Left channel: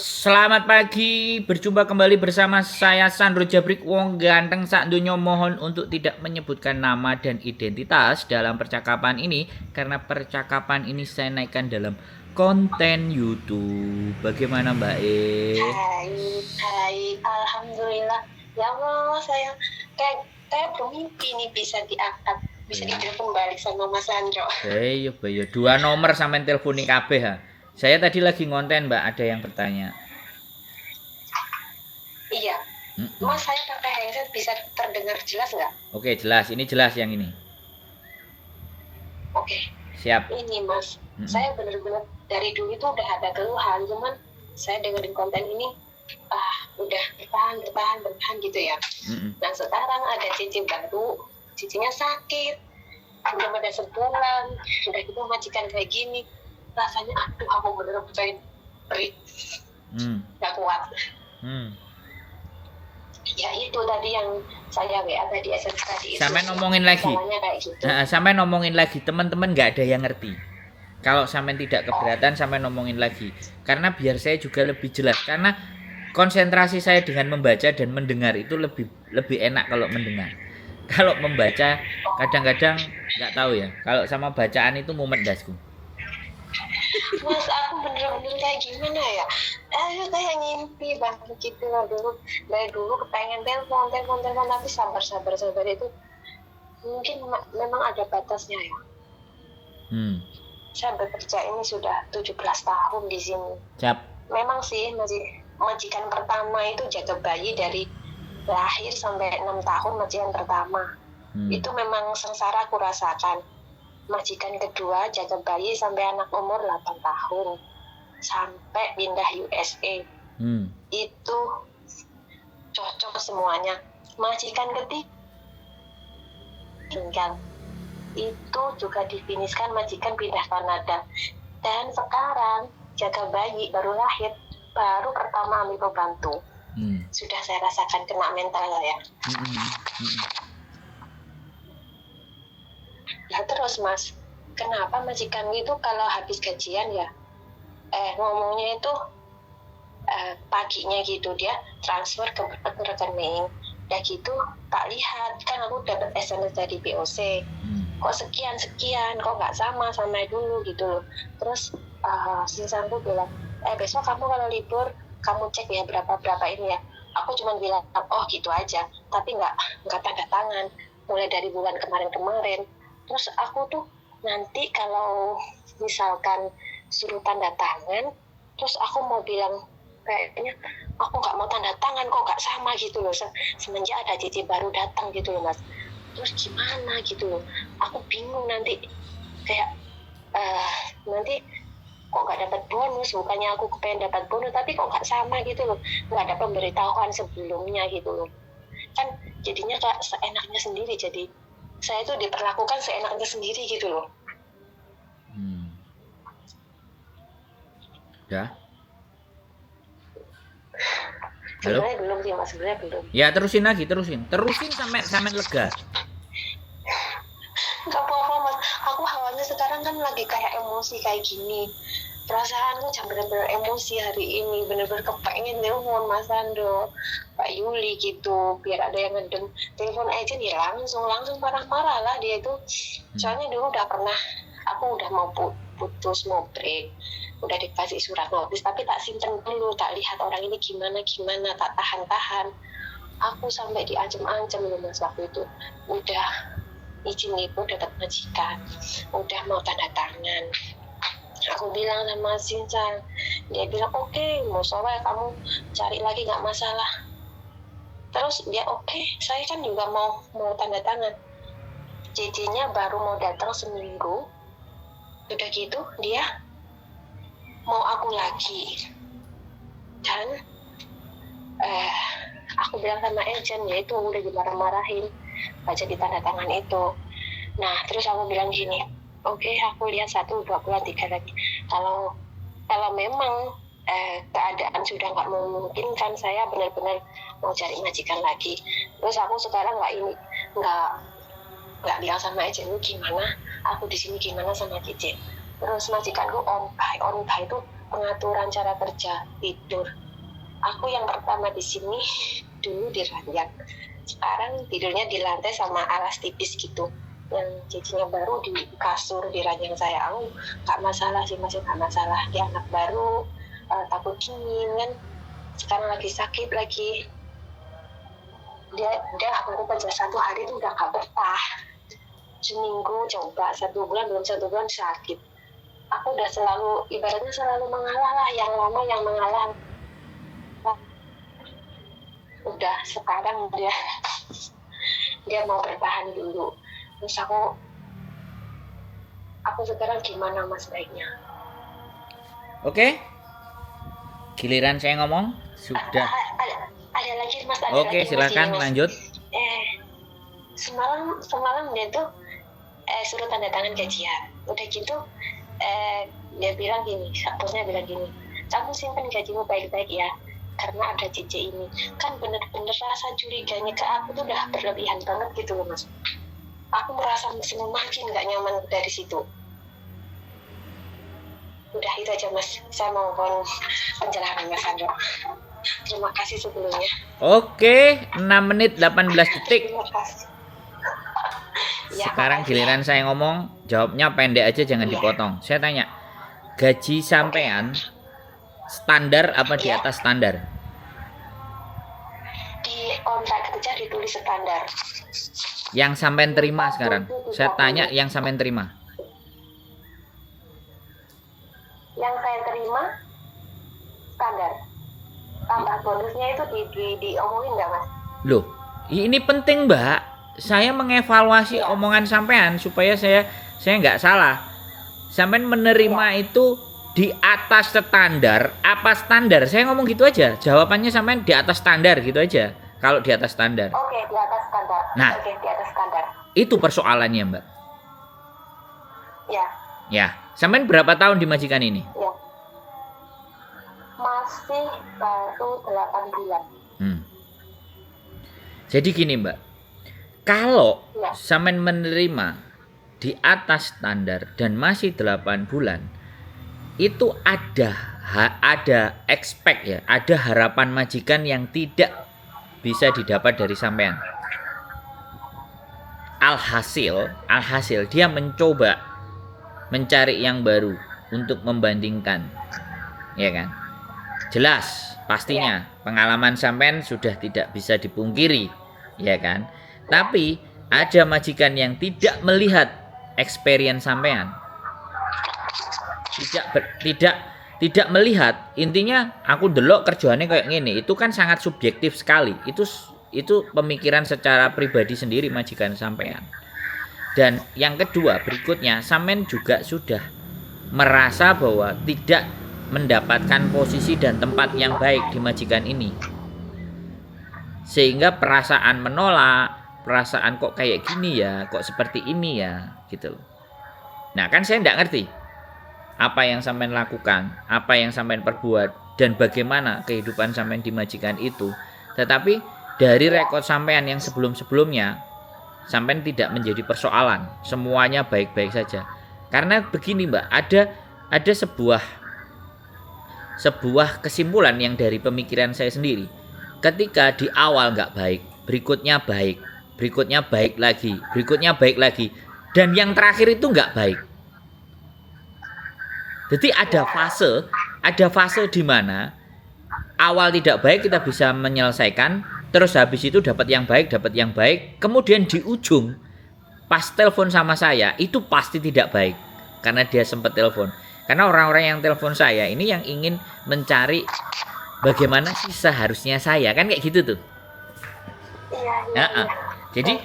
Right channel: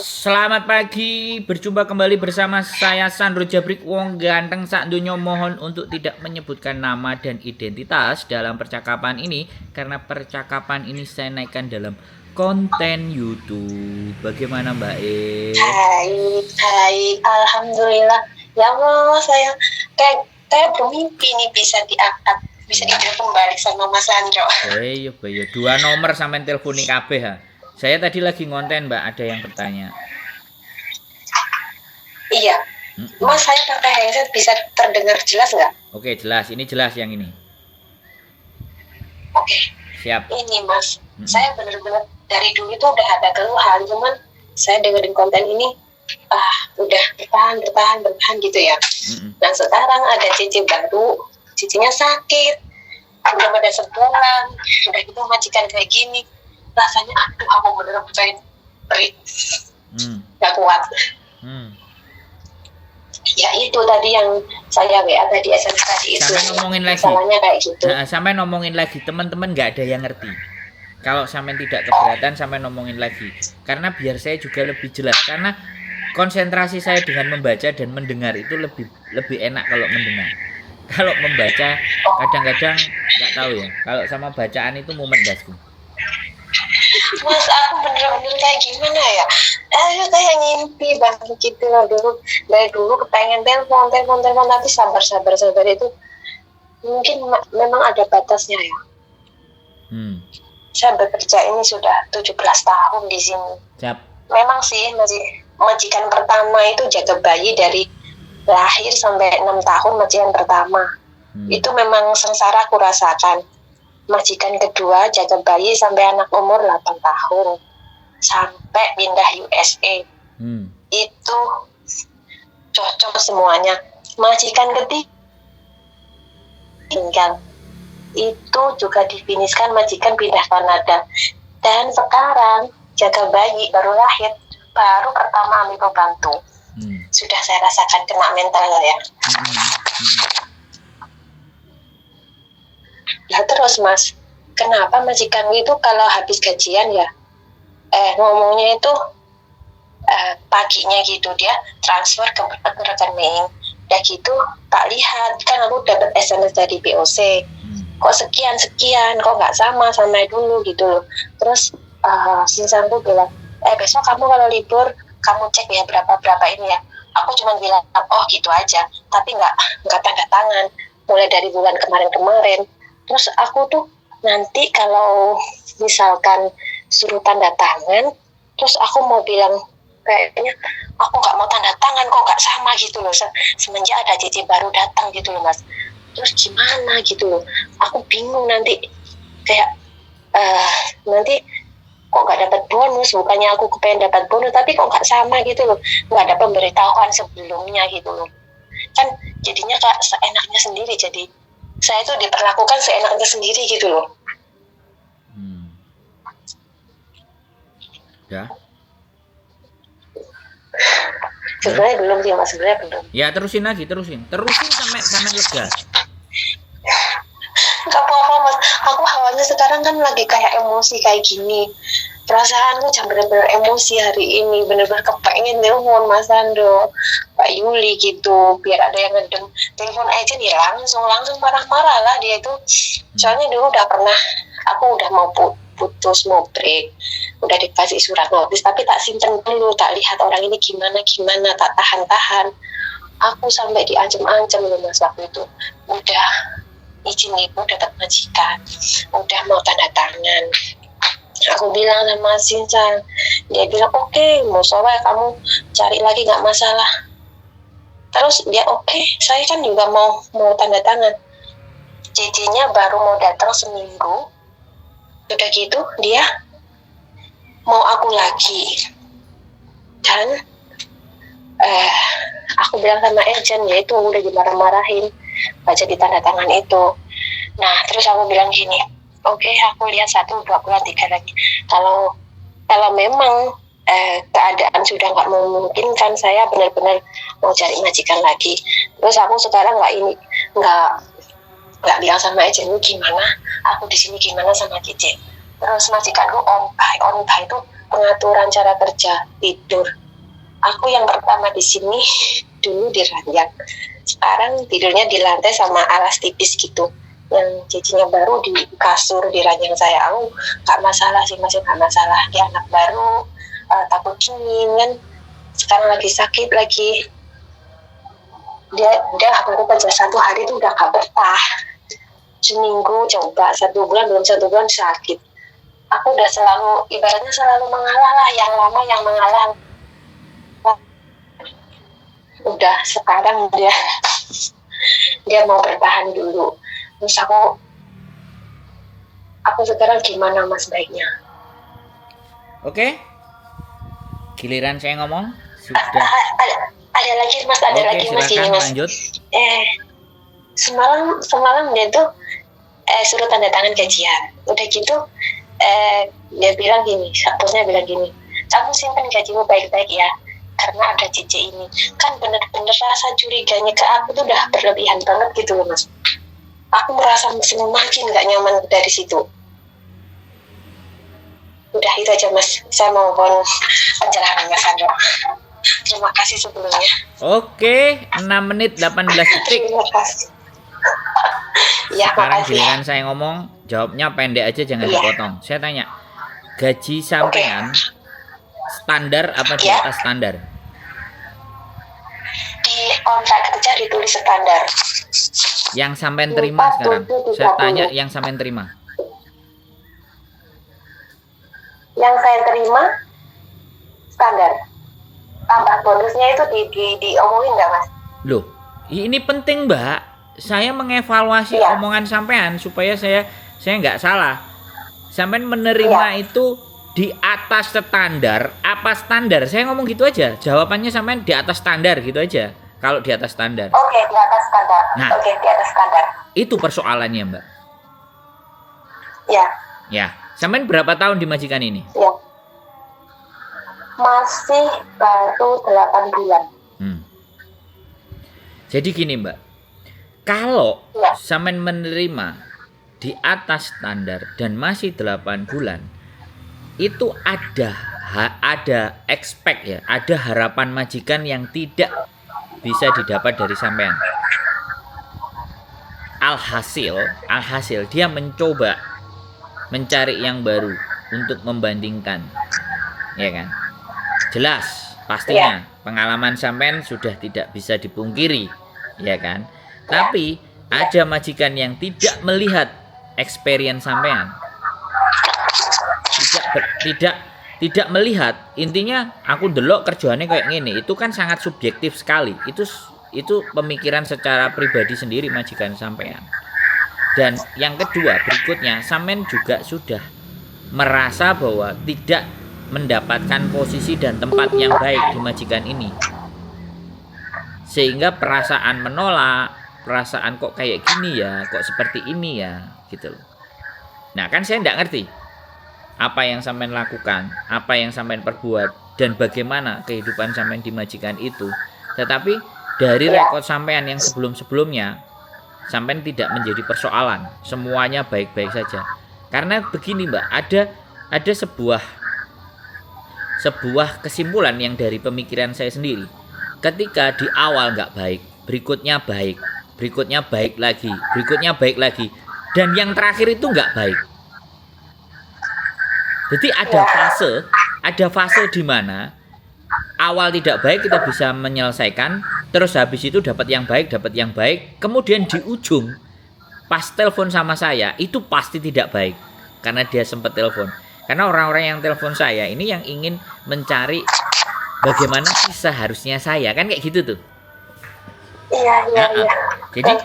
Selamat pagi, berjumpa kembali bersama saya Sandro Jabrik Wong ganteng sak donya. Mohon untuk tidak menyebutkan nama dan identitas dalam percakapan ini karena percakapan ini saya naikkan dalam konten YouTube. Bagaimana Mbak E? Baik, alhamdulillah. Ya Allah, saya kayak bermimpi nih bisa diangkat, bisa dibilang kembali sama Mas Sandro. Iya, dua nomor sampai telponi kabeh ha. Saya tadi lagi ngonten Mbak, ada yang bertanya. Iya, Mas saya pakai headset bisa terdengar jelas nggak? Oke, jelas. Ini jelas yang ini. Oke. Siap. Ini Mas, saya benar-benar dari dulu itu udah ada keluhan, cuman saya dengerin konten ini udah bertahan gitu ya. Nah sekarang ada cici baru, cicinya sakit, belum ada sebulan, udah gitu majikan kayak gini, rasanya aduh aku bener-bener perit, gak kuat. Ya itu tadi yang saya WA tadi, SMS tadi itu. Sampai ngomongin lagi. Kayak gitu. Sampai ngomongin lagi, teman-teman nggak ada yang ngerti. Kalau sampai tidak keberatan, sampai ngomongin lagi. Karena biar saya juga lebih jelas. Karena konsentrasi saya dengan membaca dan mendengar itu lebih enak kalau mendengar. Kalau membaca kadang-kadang nggak tahu ya. Kalau sama bacaan itu mumet dasku. Mas aku bener-bener kayak gimana ya? Kayak ngimpi banget gitu loh dulu. Dari dulu kepengen telepon tapi sabar itu mungkin memang ada batasnya ya. Saya bekerja ini sudah 17 tahun di sini. Siap. Memang sih majikan pertama itu jaga bayi dari lahir sampai 6 tahun majikan pertama. Itu memang sengsara aku rasakan. Majikan kedua jaga bayi sampai anak umur 8 tahun. Sampai pindah USA. Itu cocok semuanya. Majikan ketiga tinggal. Itu juga difiniskan majikan pindah Kanada. Dan sekarang jaga bayi baru lahir, baru pertama ambil pembantu. Sudah saya rasakan kena mental ya. Nah terus Mas, kenapa majikan itu kalau habis gajian ya ngomongnya itu paginya gitu dia transfer ke rekening. Udah gitu tak lihat, kan aku dapat SMS dari BOC. Kok sekian, kok nggak sama dulu gitu loh. Terus Sinsanku bilang, besok kamu kalau libur kamu cek ya berapa ini ya. Aku cuma bilang, oh gitu aja, tapi nggak tanda tangan mulai dari bulan kemarin. Terus aku tuh nanti kalau misalkan suruh tanda tangan, terus aku mau bilang kayaknya aku nggak mau tanda tangan kok nggak sama gitu loh. Semenjak ada cici baru datang gitu loh Mas. Terus gimana gitu loh. Aku bingung nanti kayak nanti kok nggak dapat bonus, bukannya aku kepengen dapat bonus tapi kok nggak sama gitu loh, nggak ada pemberitahuan sebelumnya gitu loh. Kan jadinya kayak seenaknya sendiri, jadi saya tuh diperlakukan seenaknya sendiri gitu loh. Ya. Sebenarnya belum sih Mas, sebenarnya belum. Ya terusin sampai lega. Gak apa-apa Mas, aku awalnya sekarang kan lagi kayak emosi kayak gini. Perasaanku jangan benar-benar emosi hari ini, benar-benar kepengen telepon Mas Sandro, Pak Yuli gitu, biar ada yang ngedem. Telepon aja nih langsung marah-marah lah dia itu. Soalnya dulu udah pernah, aku udah mau putus, mau break, udah dikasih surat notis, tapi tak simpen dulu, tak lihat orang ini gimana, tak tahan. Aku sampai diancam-ancam loh Mas waktu itu. Udah izin ibu dapat majikan, udah mau tanda tangan. Aku bilang sama Sinsan, dia bilang oke, mau soal kamu cari lagi nggak masalah. Terus dia oke, saya kan juga mau tanda tangan. Cicinya baru mau datang seminggu, udah gitu dia mau aku lagi. Dan aku bilang sama agent, ya itu udah dimarah-marahin baca di tanda tangan itu. Nah terus aku bilang gini, oke, aku lihat 1, 2 bulan, 3 lagi. Kalau memang keadaan sudah nggak memungkinkan, saya benar-benar mau cari majikan lagi. Terus aku sekarang nggak bilang sama agent lu gimana, aku di sini gimana sama Cici. Terus majikanku on by itu pengaturan cara kerja tidur. Aku yang pertama di sini dulu di ranjang, sekarang tidurnya di lantai sama alas tipis gitu. Yang cicinya baru di kasur di ranjang saya. Aku nggak masalah sih, masih nggak masalah. Dia anak baru, takut dingin kan. Sekarang lagi sakit lagi. Dia baru kerja 1 hari itu udah gak betah. Seminggu coba, 1 bulan, belum 1 bulan sakit. Aku udah selalu, ibaratnya selalu mengalah lah, yang lama yang mengalah. Udah sekarang dia mau bertahan dulu. Terus aku sekarang gimana Mas baiknya? Oke. Giliran saya ngomong sudah. Ada lagi Mas, ada Oke, lagi Mas. silakan lanjut. Semalam dia tuh suruh tanda tangan gajian. Udah gitu dia bilang gini, bosnya bilang gini, kamu simpan gajimu baik-baik ya, karena ada cici ini. Kan bener-bener rasa curiganya ke aku tuh udah berlebihan banget gitu loh Mas. Aku merasa semakin gak nyaman dari situ. Udah itu aja Mas, saya mohon pencerahan Mas Andro. Terima kasih sebelumnya. Oke, 6 menit 18 detik. Terima kasih. Ya, Sekarang makasih. giliran saya ngomong, jawabnya pendek aja, jangan dipotong. Saya tanya, gaji sampean standar apa di Ya. atas standar? Di kontrak kerja ditulis standar. Yang sampean terima sekarang. Saya tanya yang sampean terima. Yang saya terima standar. Tambah bonusnya itu diomongin nggak Mas? Loh, ini penting Mbak. Saya mengevaluasi Iya. omongan sampean supaya saya nggak salah. Sampean menerima itu di atas standar apa standar? Saya ngomong gitu aja. Jawabannya sampean di atas standar gitu aja. Kalau di atas standar. Oke, di atas standar. Nah. Oke, di atas standar. Itu persoalannya Mbak. Ya, Ya, sampean berapa tahun di majikan ini? ya. Masih baru 8 bulan. Jadi gini Mbak, kalau Ya. sampean menerima di atas standar dan masih 8 bulan, itu ada expect ya, ada harapan majikan yang tidak bisa didapat dari sampean. Alhasil dia mencoba mencari yang baru untuk membandingkan, ya kan? Jelas pastinya pengalaman sampean sudah tidak bisa dipungkiri, ya kan? Tapi ada majikan yang tidak melihat experience sampean, tidak melihat. Intinya aku delok kerjaannya kayak gini, itu kan sangat subjektif sekali. Itu pemikiran secara pribadi sendiri majikan sampean. Dan yang kedua berikutnya, sampean juga sudah merasa bahwa tidak mendapatkan posisi dan tempat yang baik di majikan ini, sehingga perasaan menolak, perasaan kok kayak gini ya, kok seperti ini ya, gitu loh. Nah kan saya tidak ngerti apa yang sampean lakukan, apa yang sampean perbuat, dan bagaimana kehidupan sampean di majikan itu. Tetapi dari rekod sampean yang sebelum-sebelumnya, sampean tidak menjadi persoalan, semuanya baik-baik saja. Karena begini Mbak, ada sebuah kesimpulan yang dari pemikiran saya sendiri. Ketika di awal nggak baik, berikutnya baik, berikutnya baik lagi, berikutnya baik lagi, dan yang terakhir itu nggak baik. Jadi ada fase di mana awal tidak baik kita bisa menyelesaikan, terus habis itu dapat yang baik, kemudian di ujung pas telepon sama saya itu pasti tidak baik karena dia sempat telepon. Karena orang-orang yang telepon saya ini yang ingin mencari bagaimana sih seharusnya saya, kan kayak gitu tuh. Iya. Jadi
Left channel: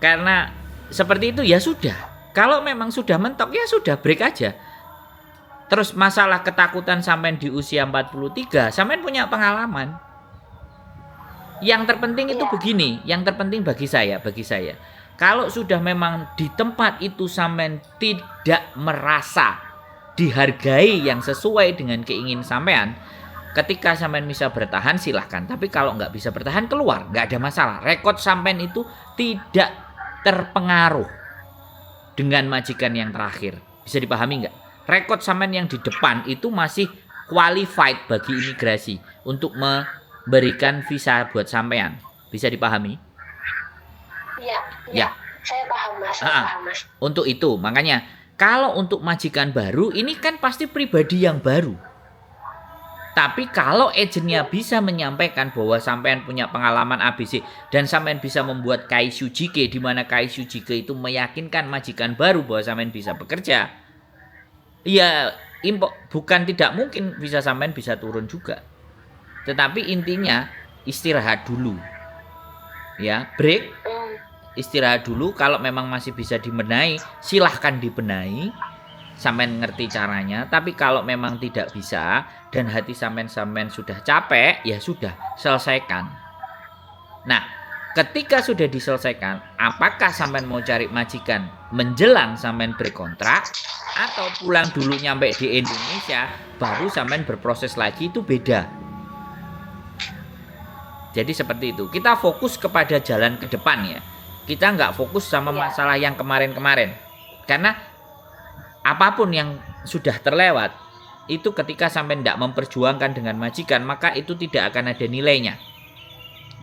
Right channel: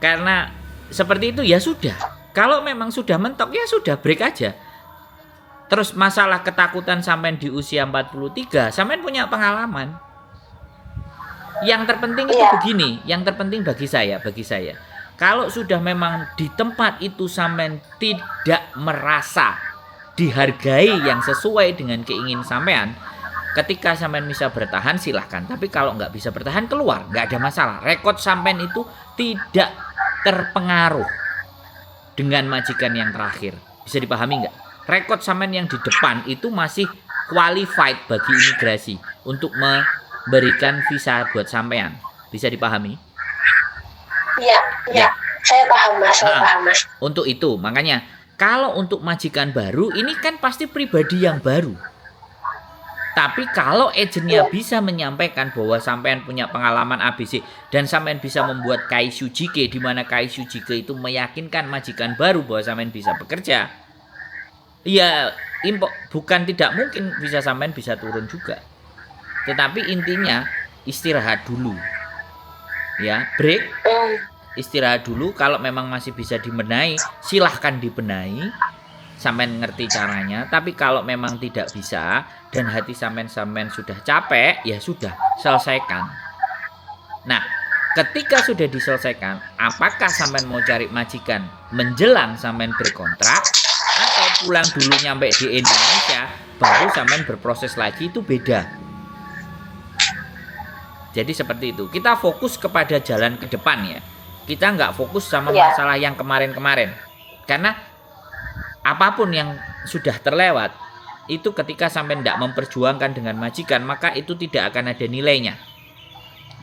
karena seperti itu ya sudah. Kalau memang sudah mentok ya sudah, break aja. Terus masalah ketakutan sampean di usia 43, sampean punya pengalaman. Yang terpenting itu begini, yang terpenting bagi saya, kalau sudah memang di tempat itu sampean tidak merasa dihargai yang sesuai dengan keinginan sampean, ketika sampean bisa bertahan silahkan. Tapi kalau nggak bisa bertahan keluar, nggak ada masalah. Rekod sampean itu tidak terpengaruh dengan majikan yang terakhir. Bisa dipahami nggak? rekod sampean yang di depan itu masih qualified bagi imigrasi untuk memberikan visa buat sampean. Bisa dipahami? Iya, iya. Ya. Saya paham Mas, saya Nah, paham Mas. untuk itu, makanya kalau untuk majikan baru ini kan pasti pribadi yang baru. Tapi kalau agennya bisa menyampaikan bahwa sampean punya pengalaman ABC dan sampean bisa membuat Kaishu Jike, di mana Kaishu Jike itu meyakinkan majikan baru bahwa sampean bisa bekerja, ya bukan tidak mungkin bisa sampean bisa turun juga. Tetapi intinya istirahat dulu, ya, break, istirahat dulu. Kalau memang masih bisa dibenahi, silahkan dibenahi. Sampean ngerti caranya, tapi kalau memang tidak bisa dan hati sampean sudah capek, ya sudah, selesaikan. Nah, ketika sudah diselesaikan, apakah sampean mau cari majikan menjelang sampean berkontrak atau pulang dulu nyampe di Indonesia baru sampean berproses lagi, itu beda. Jadi seperti itu. Kita fokus kepada jalan ke depan ya. Kita nggak fokus sama masalah yang kemarin-kemarin. Karena apapun yang sudah terlewat, itu ketika sampai tidak memperjuangkan dengan majikan, maka itu tidak akan ada nilainya.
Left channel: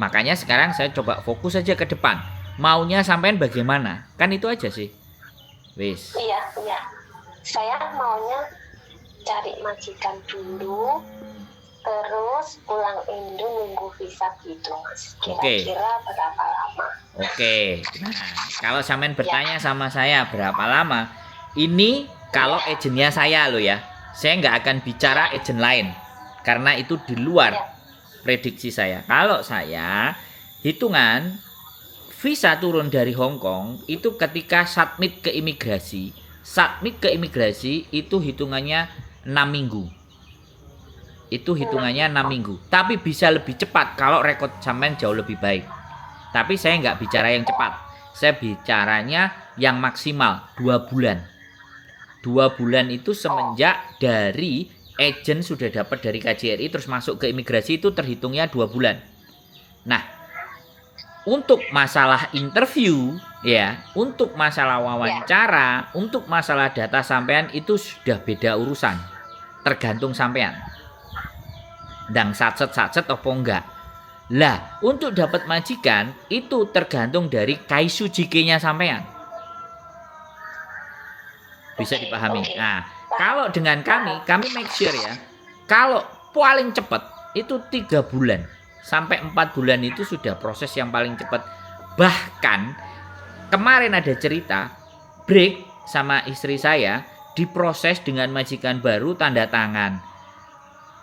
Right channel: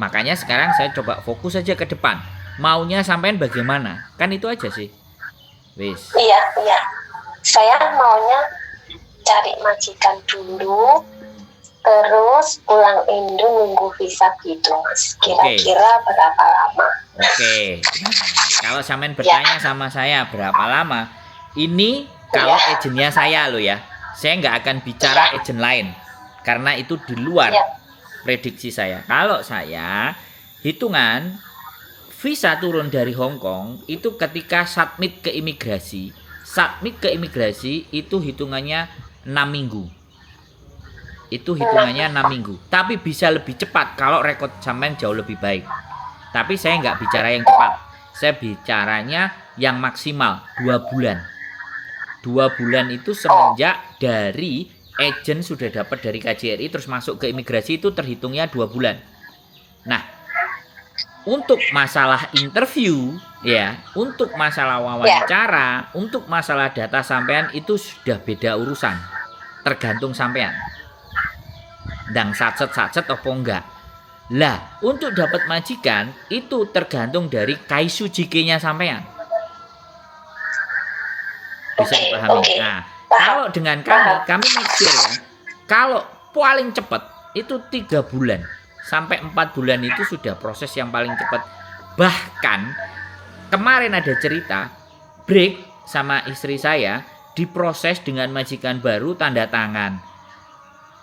Makanya sekarang saya coba fokus saja ke depan. Maunya sampean bagaimana? Kan itu aja sih. Wis. Iya, iya. Saya maunya cari majikan dulu, terus pulang Indo nunggu visa gitu Mas. Kira-kira berapa lama? Oke. Nah, kalau sampean bertanya sama saya berapa lama, ini kalau agennya saya loh ya. Saya nggak akan bicara agen lain. Karena itu di luar prediksi saya. Kalau saya, hitungan visa turun dari Hong Kong itu ketika submit ke imigrasi. Submit ke imigrasi itu hitungannya 6 minggu. Itu hitungannya 6 minggu. Tapi bisa lebih cepat kalau rekod sampean jauh lebih baik. Tapi saya nggak bicara yang cepat. Saya bicaranya yang maksimal 2 bulan. 2 bulan itu semenjak dari agent sudah dapat dari KJRI terus masuk ke imigrasi, itu terhitungnya 2 bulan. Nah, untuk masalah interview ya, untuk masalah wawancara, untuk masalah data sampean itu sudah beda urusan. Tergantung sampean. Ndang sacet-sacet apa enggak. Lah, untuk dapat majikan itu tergantung dari Kaishu Jike-nya sampean. Bisa dipahami. Nah, kalau dengan kami make sure ya, kalau paling cepat itu 3 bulan sampai 4 bulan itu sudah proses yang paling cepat. Bahkan kemarin ada cerita break sama istri saya diproses dengan majikan baru, tanda tangan.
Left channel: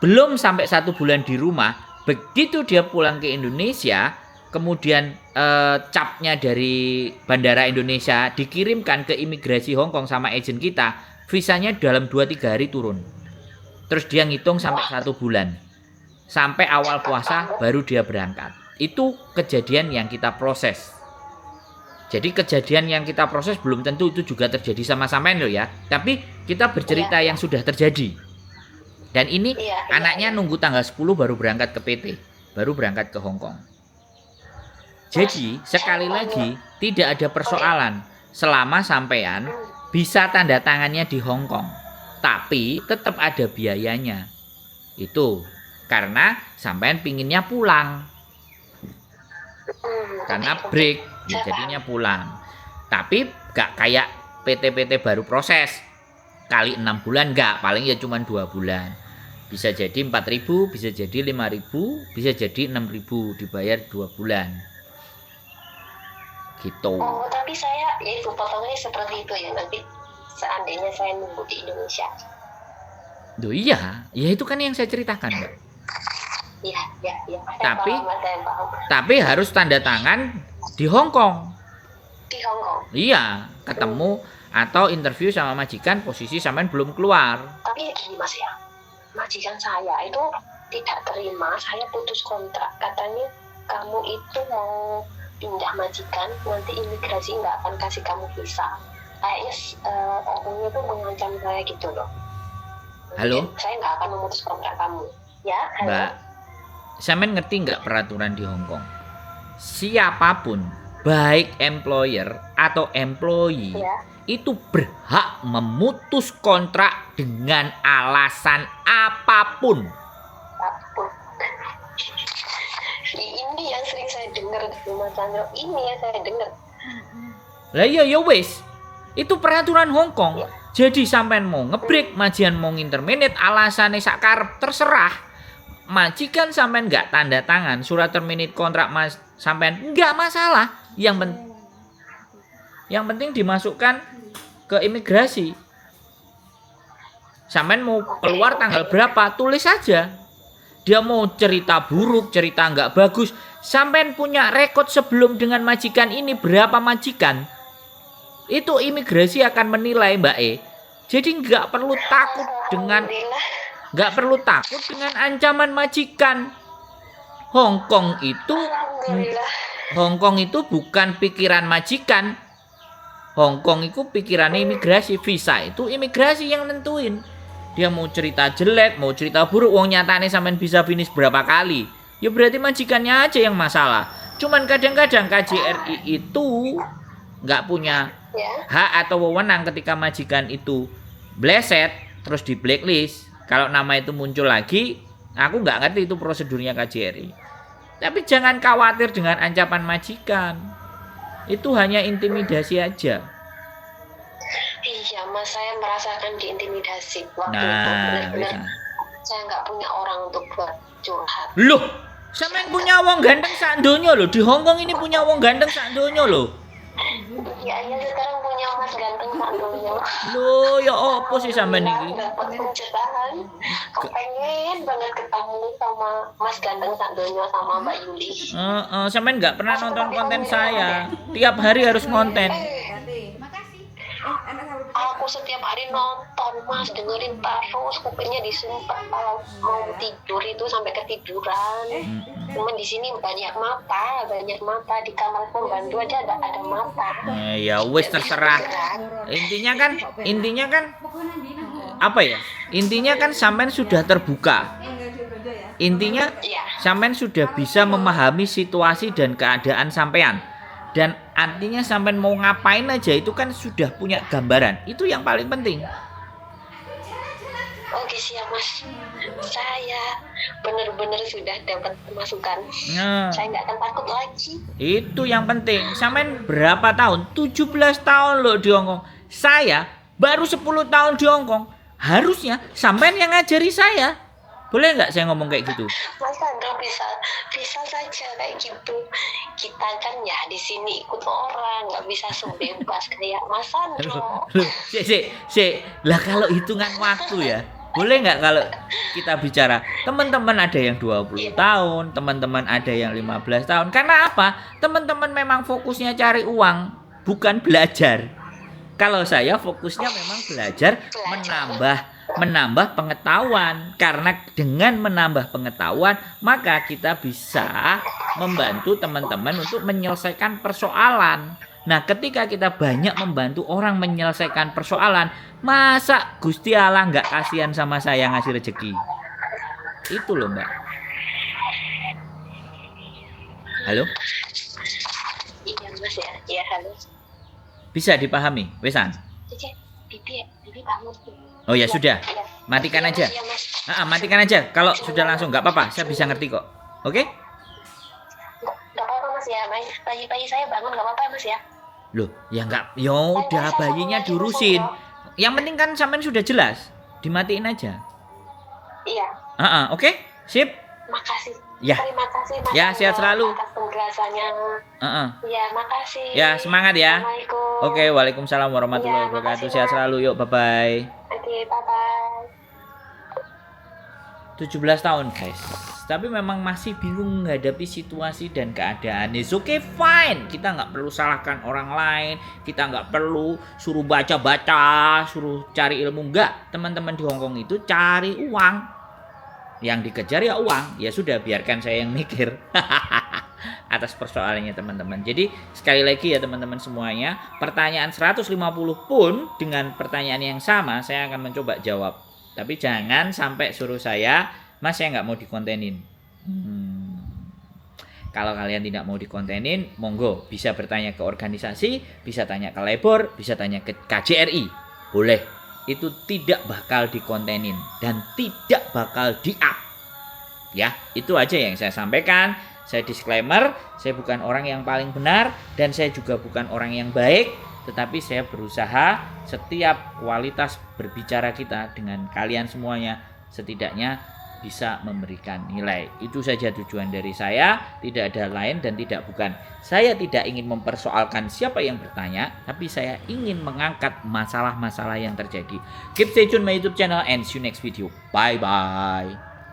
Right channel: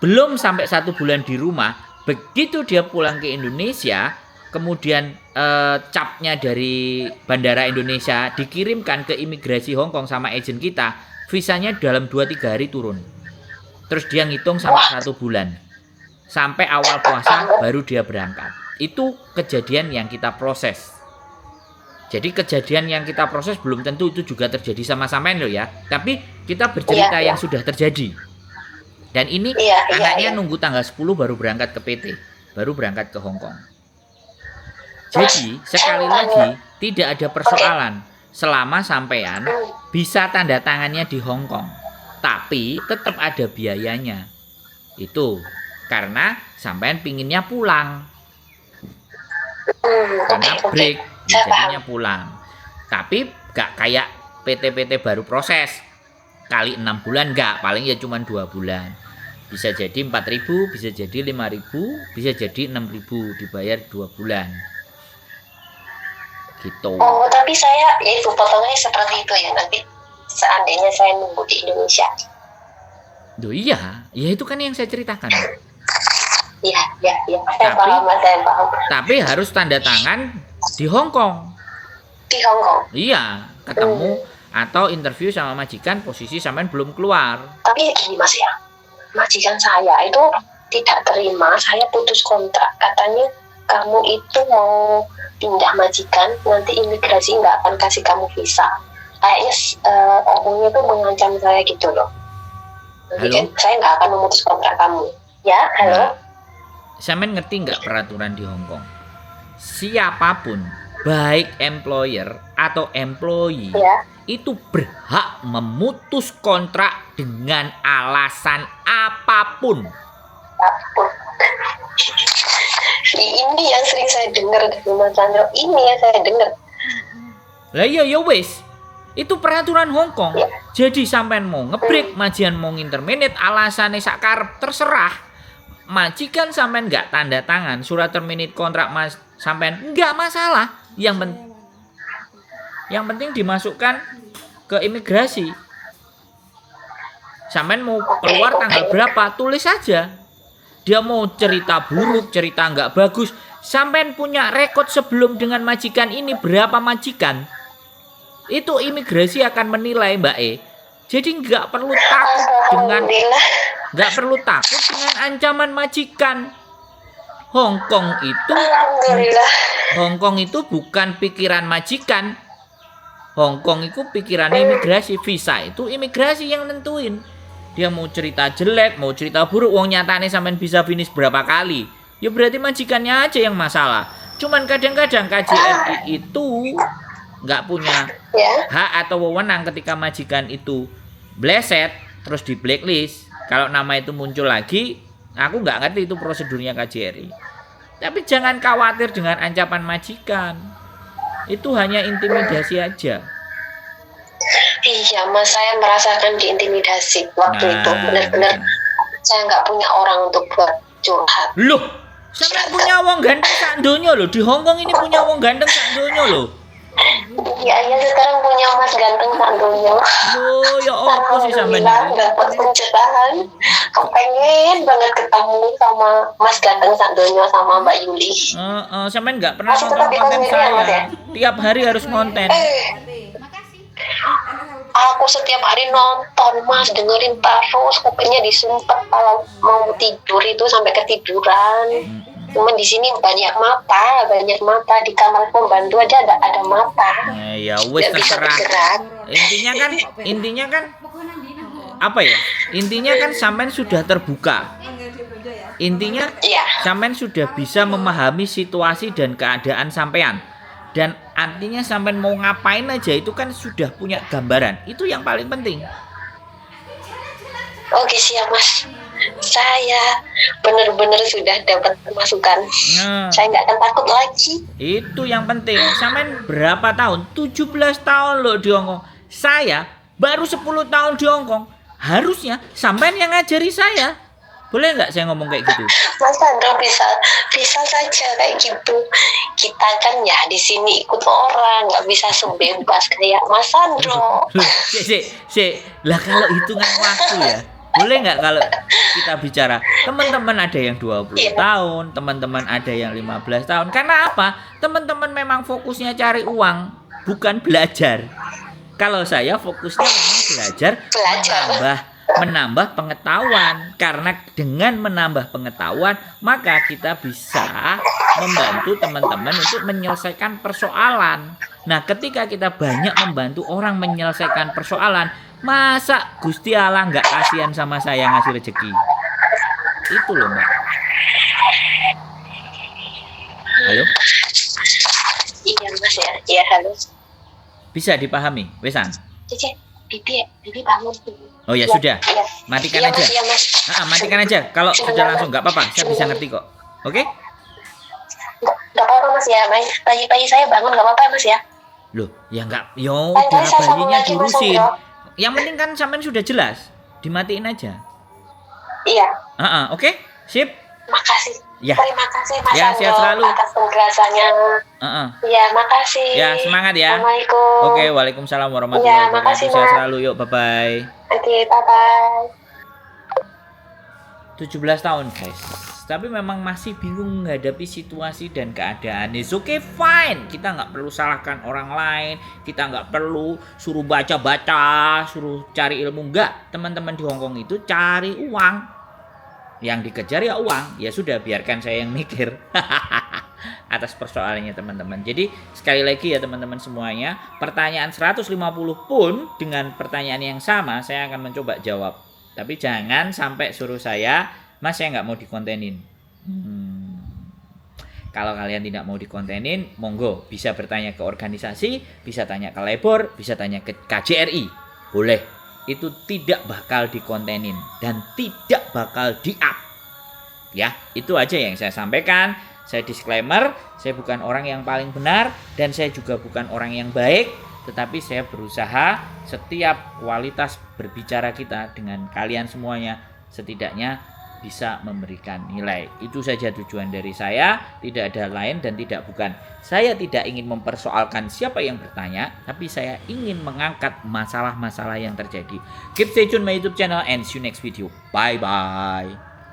Belum sampai 1 bulan di rumah, begitu dia pulang ke Indonesia, kemudian capnya dari Bandara Indonesia dikirimkan ke imigrasi Hong Kong sama agen kita, visanya dalam 2-3 hari turun. Terus dia ngitung sampai 1 bulan. Sampai awal puasa baru dia berangkat. Itu kejadian yang kita proses. Jadi kejadian yang kita proses belum tentu itu juga terjadi sama sampean loh ya. Tapi kita bercerita yang sudah terjadi. Dan ini anaknya nunggu tanggal 10 baru berangkat ke PT, baru berangkat ke Hong Kong. Jadi sekali lagi tidak ada persoalan selama sampean bisa tanda tangannya di Hong Kong, tapi tetap ada biayanya. Itu karena sampean pinginnya pulang, karena break, ya jadinya pulang. Tapi gak kayak PT-PT baru proses kali 6 bulan, enggak, paling ya cuma 2 bulan. Bisa jadi 4.000, bisa jadi 5.000, bisa jadi 6.000 dibayar 2 bulan. Gitu. Oh, tapi saya ya itu potongnya seperti itu ya, nanti seandainya saya nunggu di Indonesia. Duh iya, ya itu kan yang saya ceritakan. Iya. Tapi harus tanda tangan di Hong Kong. Di Hong Kong. Iya, ketemu atau interview sama majikan, posisi sampean belum keluar. Tapi gini Mas ya, majikan saya itu tidak terima saya putus kontrak. Katanya kamu itu mau pindah majikan, nanti imigrasi nggak akan kasih kamu visa. Kayaknya orangnya itu mengancam saya gitu loh. Halo? Saya nggak akan memutus kontrak kamu. Ya, halo? Nah, sampean ngerti nggak peraturan di Hong Kong? Siapapun, baik employer atau employee, itu berhak memutus kontrak dengan alasan apapun. Ini yang sering saya dengar dari Mas Chandra. Ini yang saya dengar. Lah iya ya wis. Itu peraturan Hong Kong. Ya. Jadi sampean mau ngebreak, majikan mau nginterminate, alasannya sakarep terserah. Majikan sampean nggak tanda tangan surat terminate kontrak mas sampean nggak masalah. Yang penting dimasukkan ke imigrasi. Sampean mau keluar tanggal berapa, tulis saja. Dia mau cerita buruk, cerita nggak bagus, sampean punya rekod sebelum dengan majikan ini berapa majikan, itu imigrasi akan menilai Mbak E. Jadi nggak perlu takut dengan ancaman majikan. Hong Kong itu bukan pikiran majikan. Hong Kong itu pikirannya imigrasi, visa itu imigrasi yang nentuin. Dia mau cerita jelek, mau cerita buruk, wong nyatane sampean bisa finish berapa kali, ya berarti majikannya aja yang masalah. Cuman kadang-kadang KJRI itu nggak punya hak atau wewenang ketika majikan itu bleset terus di blacklist. Kalau nama itu muncul lagi, aku nggak ngerti itu prosedurnya KJRI. Tapi jangan khawatir dengan ancaman majikan, itu hanya intimidasi aja. Iya Mas, saya merasakan diintimidasi waktu itu. Benar-benar saya nggak punya orang untuk buat curhat. Loh, sampean punya wong ganteng sak donya loh. Di Hong Kong ini punya wong ganteng sak donya loh. Iya, sekarang punya Mas ganteng sak donya. Loh, ya apa sih sampean ini? Dapat pencerahan. Pengen banget ketemu sama Mas ganteng sak donya sama Mbak Yuli. Sampean nggak pernah nonton konten saya. Tiap hari harus konten. Aku setiap hari nonton Mas, dengerin terus, kupingnya disumpet kalau mau tidur itu sampai ketiduran. Cuman di sini banyak mata di kamar pembantu aja ada mata. Ya wes terserah. Intinya kan apa ya? Intinya kan sampean sudah terbuka. Intinya sampean sudah bisa memahami situasi dan keadaan sampean. Dan artinya sampean mau ngapain aja itu kan sudah punya gambaran. Itu yang paling penting. Oke siap Mas. Saya benar-benar sudah dapat masukan. Saya nggak akan takut lagi. Itu yang penting. Sampean berapa tahun? 17 tahun loh di Hongkong. Saya baru 10 tahun di Hongkong. Harusnya sampean yang ngajari saya. Boleh nggak saya ngomong kayak gitu? Mas Sandro bisa saja kayak gitu. Kita kan ya di sini ikut orang, nggak bisa sebebas kayak Mas Sandro. Lah kalau hitungan waktu ya, boleh nggak kalau kita bicara teman-teman ada yang 20 tahun, teman-teman ada yang 15 tahun. Karena apa? Teman-teman memang fokusnya cari uang, bukan belajar. Kalau saya fokusnya memang belajar. menambah pengetahuan, karena dengan menambah pengetahuan maka kita bisa membantu teman-teman untuk menyelesaikan persoalan. Nah, ketika kita banyak membantu orang menyelesaikan persoalan, masa Gusti Allah nggak kasihan sama saya ngasih rezeki? Itu loh Mbak. Halo? Iya Mas ya, iya halo. Bisa dipahami, Wesan? Bibi bangun. Oh ya sudah, matikan aja. Matikan aja. Kalau sudah langsung nggak apa-apa, saya bisa ngerti kok. Oke? Nggak apa-apa Mas ya, bayi saya bangun nggak apa-apa Mas ya. Loh, ya nggak, ya udah bayinya diurusin. Yang penting kan sampean sudah jelas, dimatiin aja. Iya. Oke, sip. Makasih. Ya. Terima kasih Mas. Ya, sehat selalu. Atas penjelasannya. Ya, makasih. Ya, semangat ya. Assalamualaikum. Oke, waalaikumsalam warahmatullahi wabarakatuh. Sehat selalu, yuk, bye-bye. Oke, bye-bye. 17 tahun guys, tapi memang masih bingung menghadapi situasi dan keadaan. It's okay, fine. Kita nggak perlu salahkan orang lain, kita nggak perlu suruh baca-baca, suruh cari ilmu. Nggak, teman-teman di Hongkong itu cari uang. Yang dikejar ya uang. Ya sudah, biarkan saya yang mikir atas persoalannya teman-teman. Jadi sekali lagi ya teman-teman semuanya, pertanyaan 150 pun dengan pertanyaan yang sama saya akan mencoba jawab. Tapi jangan sampai suruh saya, Mas saya nggak mau dikontenin. Kalau kalian tidak mau dikontenin, monggo bisa bertanya ke organisasi, bisa tanya ke Lebor, bisa tanya ke KJRI. Boleh. Itu tidak bakal dikontenin dan tidak bakal di-up. Ya, itu aja yang saya sampaikan. Saya disclaimer, saya bukan orang yang paling benar dan saya juga bukan orang yang baik, tetapi saya berusaha setiap kualitas berbicara kita dengan kalian semuanya setidaknya bisa memberikan nilai. Itu saja tujuan dari saya, tidak ada lain dan tidak bukan. Saya tidak ingin mempersoalkan siapa yang bertanya, tapi saya ingin mengangkat masalah-masalah yang terjadi. Keep stay tune my YouTube channel and see you next video. Bye bye.